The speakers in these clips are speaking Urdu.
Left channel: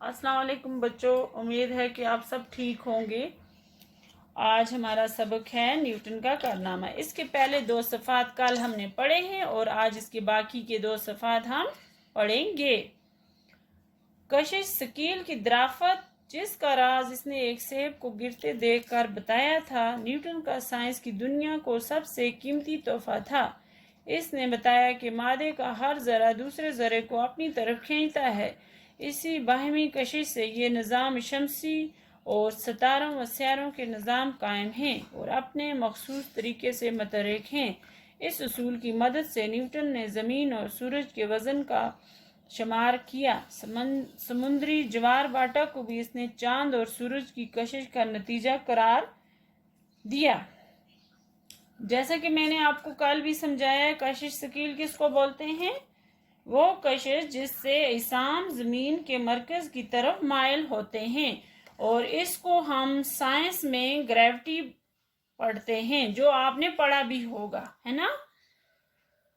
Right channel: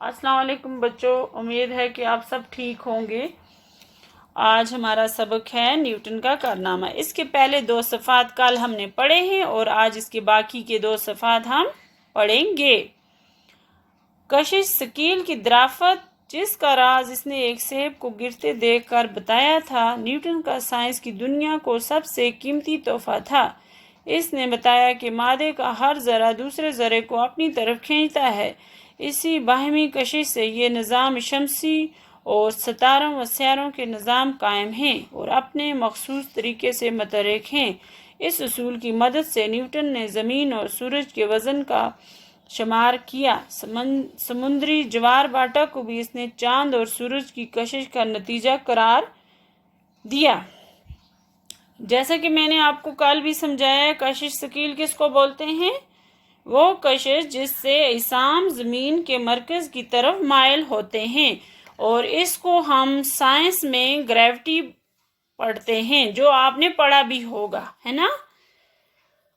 السلام علیکم بچوں، امید ہے کہ آپ سب ٹھیک ہوں گے۔ آج ہمارا سبق ہے نیوٹن کا کارنامہ۔ اس کے پہلے 2 صفحات کل ہم نے پڑھے ہیں اور آج اس کے باقی کے 2 صفحات ہم پڑھیں گے۔ کشش ثقیل کی درافت، جس کا راز اس نے ایک سیب کو گرتے دیکھ کر بتایا تھا، نیوٹن کا سائنس کی دنیا کو سب سے قیمتی تحفہ تھا۔ اس نے بتایا کہ مادے کا ہر ذرہ دوسرے ذرے کو اپنی طرف کھینچتا ہے۔ اسی باہمی کشش سے یہ نظام شمسی اور ستاروں و سیاروں کے نظام قائم ہیں اور اپنے مخصوص طریقے سے متحرک ہیں۔ اس اصول کی مدد سے نیوٹن نے زمین اور سورج کے وزن کا شمار کیا۔ سمندری جوار باٹا کو بھی اس نے چاند اور سورج کی کشش کا نتیجہ قرار دیا۔ جیسا کہ میں نے آپ کو کل بھی سمجھایا ہے، کشش ثقیل کس کو بولتے ہیں؟ وہ کشش جس سے اجسام زمین کے مرکز کی طرف مائل ہوتے ہیں، اور اس کو ہم سائنس میں گریوٹی پڑھتے ہیں، جو آپ نے پڑھا بھی ہوگا، ہے نا؟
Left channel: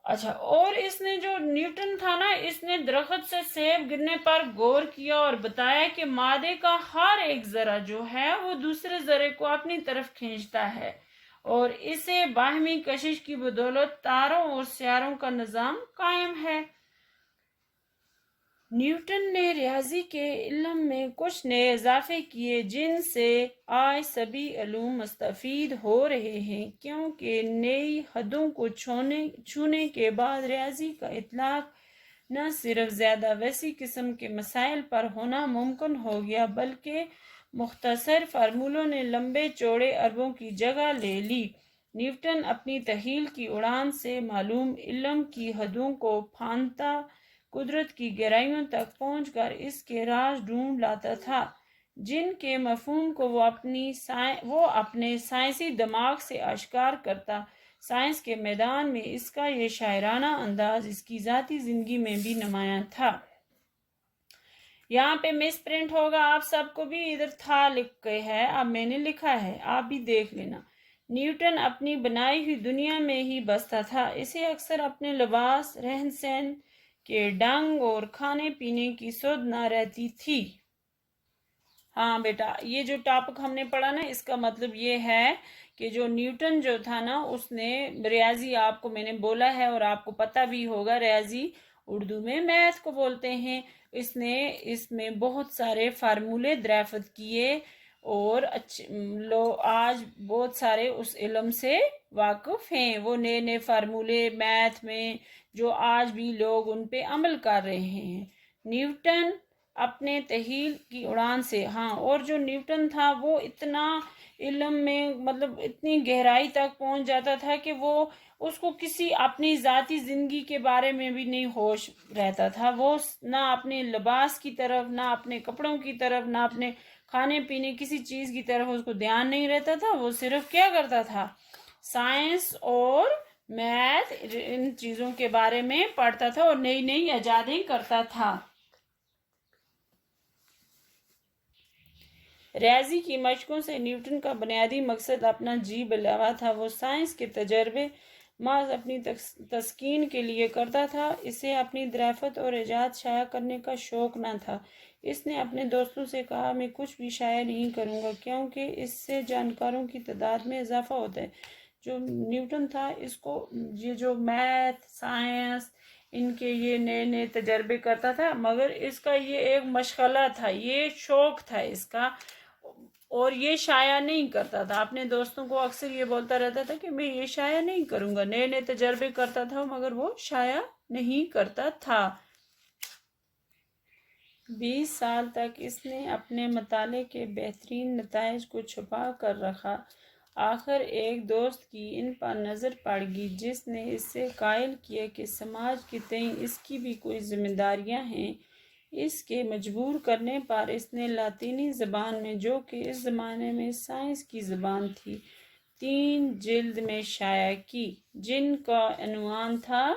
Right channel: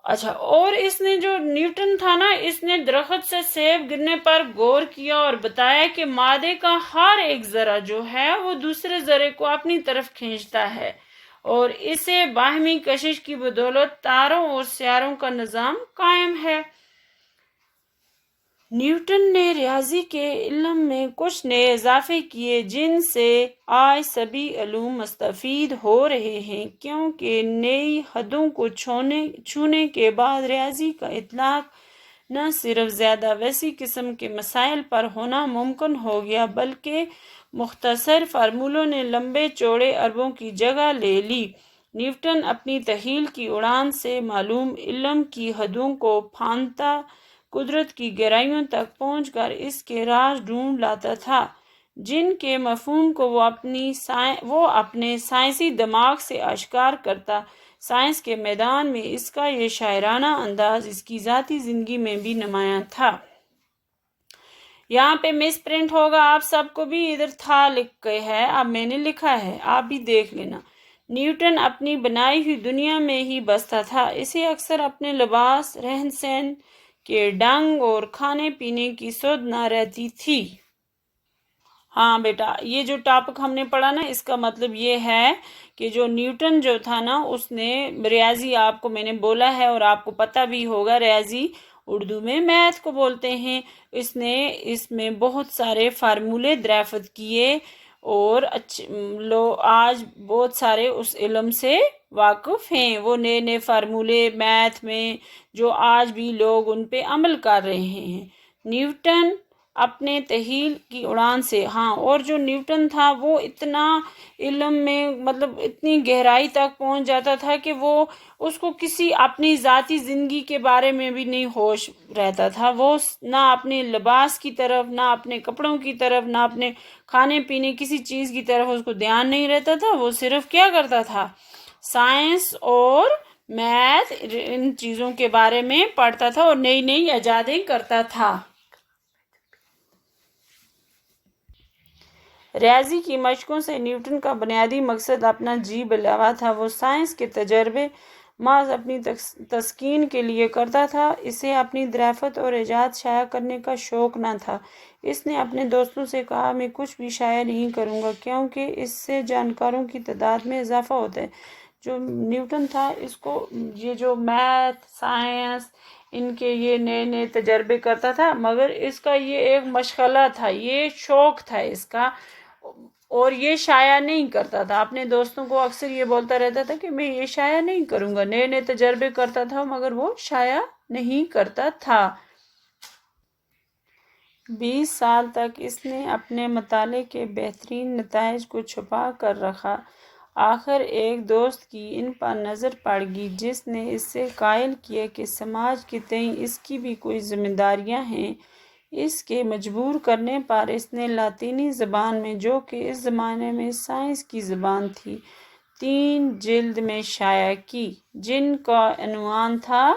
اچھا، اور اس نے جو نیوٹن تھا نا، اس نے درخت سے سیب گرنے پر غور کیا اور بتایا کہ مادے کا ہر ایک ذرہ جو ہے وہ دوسرے ذرے کو اپنی طرف کھینچتا ہے، اور اسے باہمی کشش کی بدولت تاروں اور سیاروں کا نظام قائم ہے۔ نیوٹن نے ریاضی کے علم میں کچھ نئے اضافے کیے جن سے آج سبھی علوم مستفید ہو رہے ہیں، کیونکہ نئی حدوں کو چھونے کے بعد ریاضی کا اطلاق نہ صرف زیادہ وسیع قسم کے مسائل پر ہونا ممکن ہو گیا، بلکہ مختصر فارمولوں نے لمبے چوڑے اربوں کی جگہ لے لی۔ نیوٹن اپنی تخیل کی اڑان سے معلوم علم کی حدوں کو پھاندتا قدرت کی گہرائیوں تک پہنچ کر اس کے راز ڈھونڈ لاتا تھا، جن کے مفہوم کو وہ اپنے سائنسی دماغ سے آشکار کرتا۔ سائنس کے میدان میں اس کا یہ شاعرانہ انداز اس کی ذاتی زندگی میں بھی نمایاں تھا۔ یہاں پہ مس پرنٹ ہوگا، آپ سب کو بھی ادھر تھا لکھ کے ہے، اب میں نے لکھا ہے، آپ بھی دیکھ لینا۔ نیوٹن اپنی بنائی ہوئی دنیا میں ہی بستا تھا۔ اسے اکثر اپنے لباس، رہن سہن کے ڈھنگ اور کھانے پینے کی سدھ نہ رہتی تھی۔ ہاں بیٹا، یہ جو ٹاپک ہم نے پڑھا نا، اس کا مطلب یہ ہے کہ جو نیوٹن جو تھا نا، اس نے ریاضی، آپ کو میں نے بولا ہے اور آپ کو پتہ بھی ہوگا، ریاضی اردو میں میتھ کو بولتے ہیں۔ اس نے اس میں بہت سارے فارمولے دریافت کیے، اور آج بہت سارے اس علم سے واقف ہیں۔ وہ نئے نئے فارمولے میتھ میں جو آج بھی لوگ ان پہ عمل کر رہے ہیں۔ نیوٹن اپنے تخیل کی اڑان سے، اور جو نیوٹن تھا وہ اتنا علم میں مطلب اتنی گہرائی تک پہنچ جاتا تھا کہ وہ اس کو کسی اپنی ذاتی زندگی کے بارے میں بھی نہیں ہوش رہتا تھا۔ وہ نہ اپنے لباس کی طرف، نہ اپنے کپڑوں کی طرف، نہ اپنے کھانے پینے کسی چیز کی طرف اس کو دھیان نہیں رہتا تھا۔ وہ صرف کیا کرتا تھا؟ سائنس اور میتھ، ان چیزوں کے بارے میں پڑھتا تھا اور نئی نئی ایجادیں کرتا تھا۔ ریاضی کی مشقوں سے نیوٹن کا بنیادی مقصد اپنا جی بہلاوا تھا۔ وہ سائنس کے تجربے محض اپنی تسکین کے لیے کرتا تھا، اسے اپنی دریافت اور ایجاد شائع کرنے کا شوق نہ تھا۔ اس نے اپنے دوستوں سے کہا، میں کچھ بھی شائع نہیں کروں گا، کیونکہ اس سے جانکاروں کی تعداد میں اضافہ ہوتا ہے۔ جو نیوٹن تھا، اس کو یہ جو میتھ، سائنس، ان کے یہ نئے نئے تجربے کرتا تھا، مگر اس کا یہ ایک مشغلہ تھا، یہ شوق تھا اس کا، اور یہ شائع نہیں کرتا تھا۔ اپنے دوستوں کو اکثر یہ بولتا رہتا تھا کہ میں یہ شائع نہیں کروں گا، نئے نئے تجربے کرتا تھا مگر وہ شائع نہیں کرتا تھا۔ 20 سال تک اس نے اپنے مطالعے کے بہترین نتائج کو چھپا کر رکھا۔ آخر ایک دوست کی ان پر نظر پڑ گئی، جس نے اس سے قائل کیا کہ سماج کے تئیں اس کی بھی کوئی ذمہ داریاں ہیں۔ اس کے مجبور کرنے پر اس نے لاطینی زبان میں، جو کہ اس زمانے میں سائنس کی زبان تھی، 3 جلد میں شائع کی، جن کا عنوان تھا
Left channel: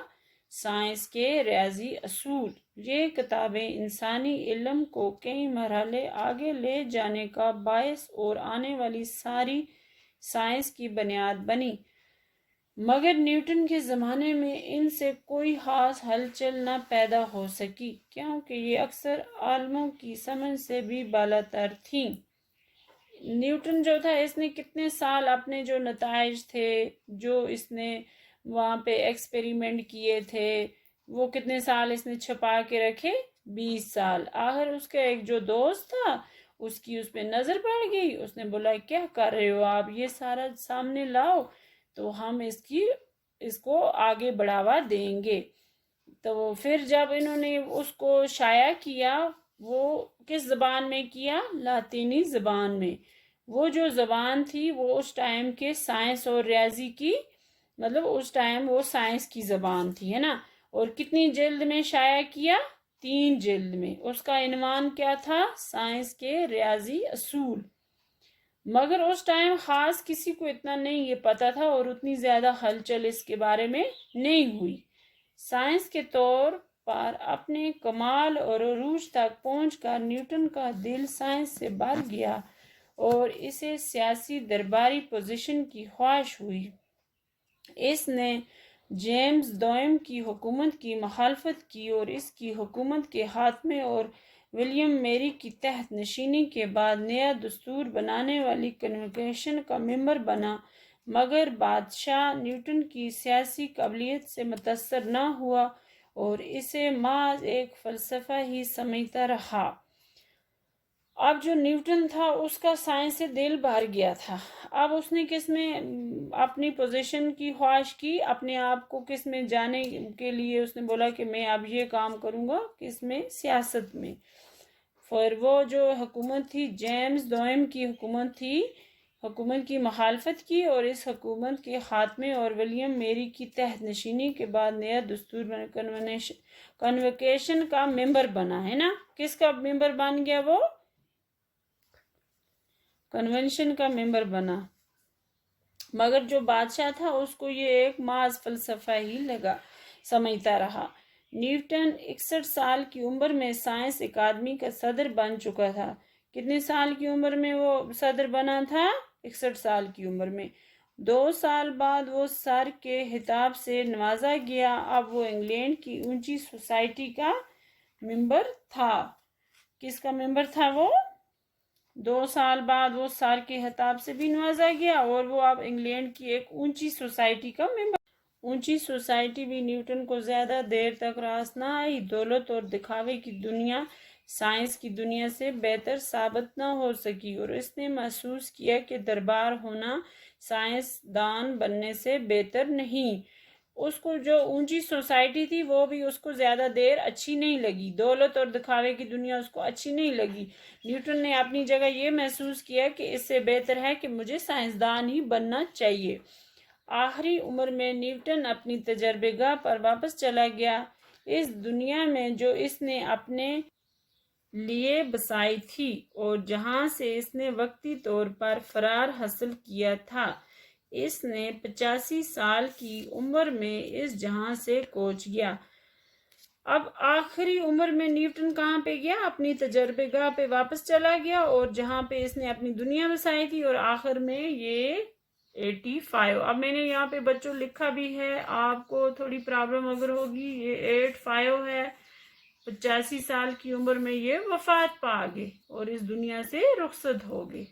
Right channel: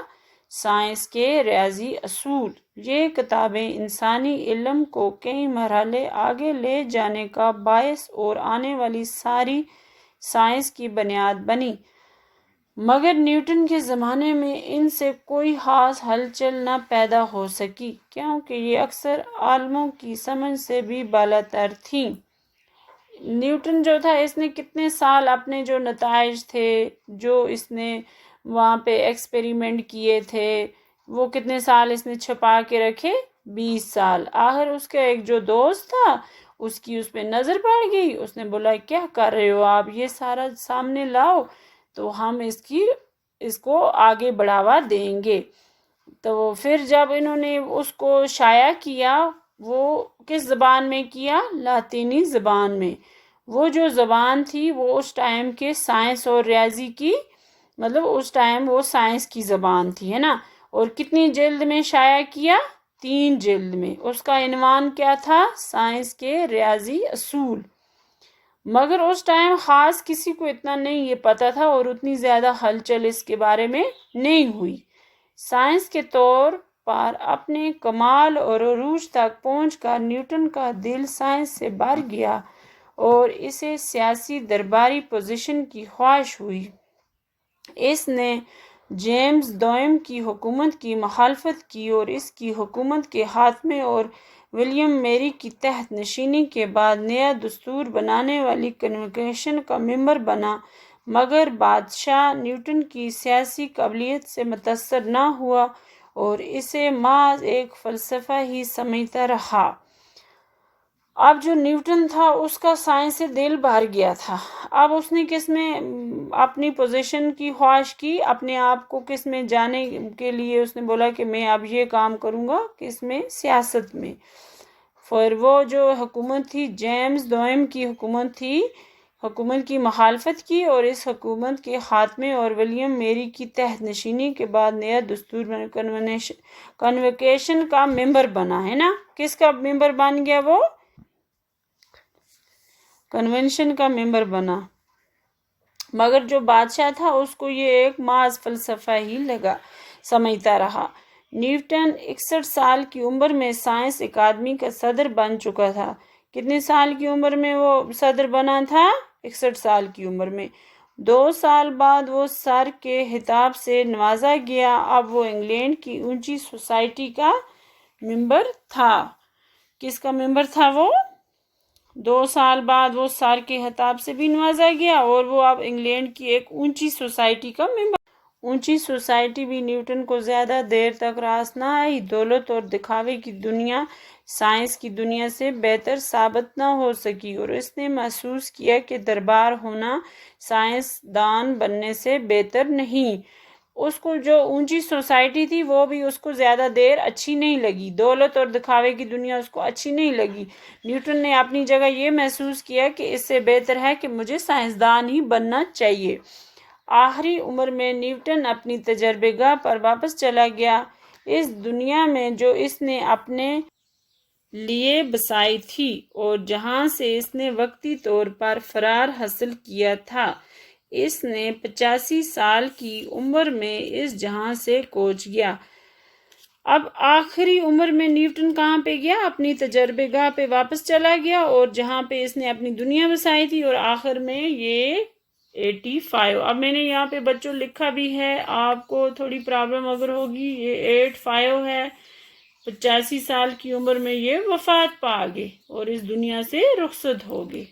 سائنس کے ریاضی اصول۔ یہ کتابیں انسانی علم کو کئی مرحلے آگے لے جانے کا باعث اور آنے والی ساری سائنس کی بنیاد بنی۔ مگر نیوٹن کے زمانے میں ان سے کوئی خاص ہلچل نہ پیدا ہو سکی کیونکہ یہ اکثر عالموں کی سمجھ سے بھی بالاتر تھیں۔ نیوٹن جو تھا اس نے کتنے سال اپنے جو نتائج تھے جو اس نے وہاں پہ ایکسپیریمنٹ کیے تھے وہ کتنے سال اس نے چھپا کے رکھے، 20 سال۔ آخر اس کا ایک جو دوست تھا اس کی اس پہ نظر پڑ گئی، اس نے بولا کیا کر رہے ہو آپ، یہ سارا سامنے لاؤ تو ہم اس کو آگے بڑھاوا دیں گے۔ تو پھر جب انہوں نے اس کو شائع کیا، وہ کس زبان میں کیا؟ لاطینی زبان میں۔ وہ جو زبان تھی وہ اس ٹائم کے سائنس اور ریاضی کی، مطلب اس ٹائم وہ سائنس کی زبان تھی، ہے نا۔ اور کتنی جلد میں شائع کیا؟ 3 جلد میں۔ اس کا عنوان کیا تھا؟ سائنس کے ریاضی اصول۔ مگر اس ٹائم خاص کسی کو اتنا نہیں یہ پتہ تھا اور اتنی زیادہ ہلچل اس کے بارے میں نہیں ہوئی۔ سائنس کے طور پر اپنے کمال اور عروج تک پہنچ کر نیوٹن کا دل سائنس سے بھر گیا اور اسے سیاسی درباری پوزیشن کی خواہش ہوئی۔ اس نے جیمز دوئم کی حکومت کی مخالفت کی اور اس کی حکومت کے خاتمے اور ولیم میری کی تحت نشینی کے بعد نیا دستور بنانے والی کنوینشن کا ممبر بنا، مگر بادشاہ نیوٹن کی سیاسی قابلیت سے متاثر نہ ہوا اور اسے محض ایک فلسفہ ہی سمجھتا رہا۔ اب جو نیوٹن تھا اس کا سائنس سے دل بھر گیا تھا۔ اب اس نے کس میں اپنی پوزیشن کی خواہش کی، اپنے آپ کو کس میں جانے کے لیے اس نے بولا کہ میں اب یہ کام کروں گا، کس میں؟ سیاست میں۔ پھر وہ جو حکومت تھی جیمز دوئم کی حکومت تھی، حکومت کی مخالفت کی اور اس حکومت کے خاتمے اور ولیم میری کی تحت نشینی کے بعد نیا دستور کنوینشن کا ممبر بنا، ہے نا۔ کس کا ممبر بن گیا؟ وہ کنونشن کا ممبر بنا، مگر جو بادشاہ تھا اس کو یہ ایک محض فلسفہ ہی سمجھتا رہا۔ نیوٹن 61 سال کی عمر میں سائنس اکادمی کا صدر بن چکا تھا۔ کتنے سال کی عمر میں وہ صدر بنا تھا؟ 61 سال کی عمر میں۔ 2 سال بعد وہ سر کے خطاب سے نوازا گیا۔ اب وہ انگلینڈ کی اونچی سوسائٹی کا ممبر تھا۔ کس کا ممبر تھا وہ؟ 2 سال بعد وہ سر کے خطاب سے بھی نوازا گیا اور وہ اب انگلینڈ کی ایک اونچی سوسائٹی کا ممبر۔ اونچی سوسائٹی بھی نیوٹن کو زیادہ دیر تک راس نہ آئی۔ دولت اور دکھاوے کی دنیا سائنس کی دنیا سے بہتر ثابت نہ ہو سکی اور اس نے محسوس کیا کہ دربار ہونا سائنس دان بننے سے بہتر نہیں۔ اس کو جو اونچی سوسائٹی تھی وہ بھی اس کو زیادہ دیر اچھی نہیں لگی، دولت اور دکھاوے کی دنیا اس کو اچھی نہیں لگی۔ نیوٹن نے اپنی جگہ یہ محسوس کیا کہ اس سے بہتر ہے کہ مجھے سائنسدان ہی بننا چاہیے۔ آخری عمر میں نیوٹن اپنی تجربہ گاہ پر واپس چلا گیا، اس دنیا میں جو اس نے اپنے لیے بسائی تھی اور جہاں سے اس نے وقتی طور پر فرار حاصل کیا تھا۔ اس نے 85 سال کی عمر میں اس جہاں سے کوچ گیا۔ اب آخری عمر میں نیوٹن کہاں پہ گیا؟ اپنی تجربہ گاہ پہ واپس چلا گیا اور جہاں پہ اس نے اپنی دنیا بسائی تھی، اور آخر میں یہ 85۔ اب میں نے یہاں پہ بچوں لکھا بھی ہے، آپ کو تھوڑی پرابلم اگر ہوگی، یہ 85 ہے۔ 85 سال کی عمر میں یہ وفات پا گئے اور اس دنیا سے رخصت ہو گئے۔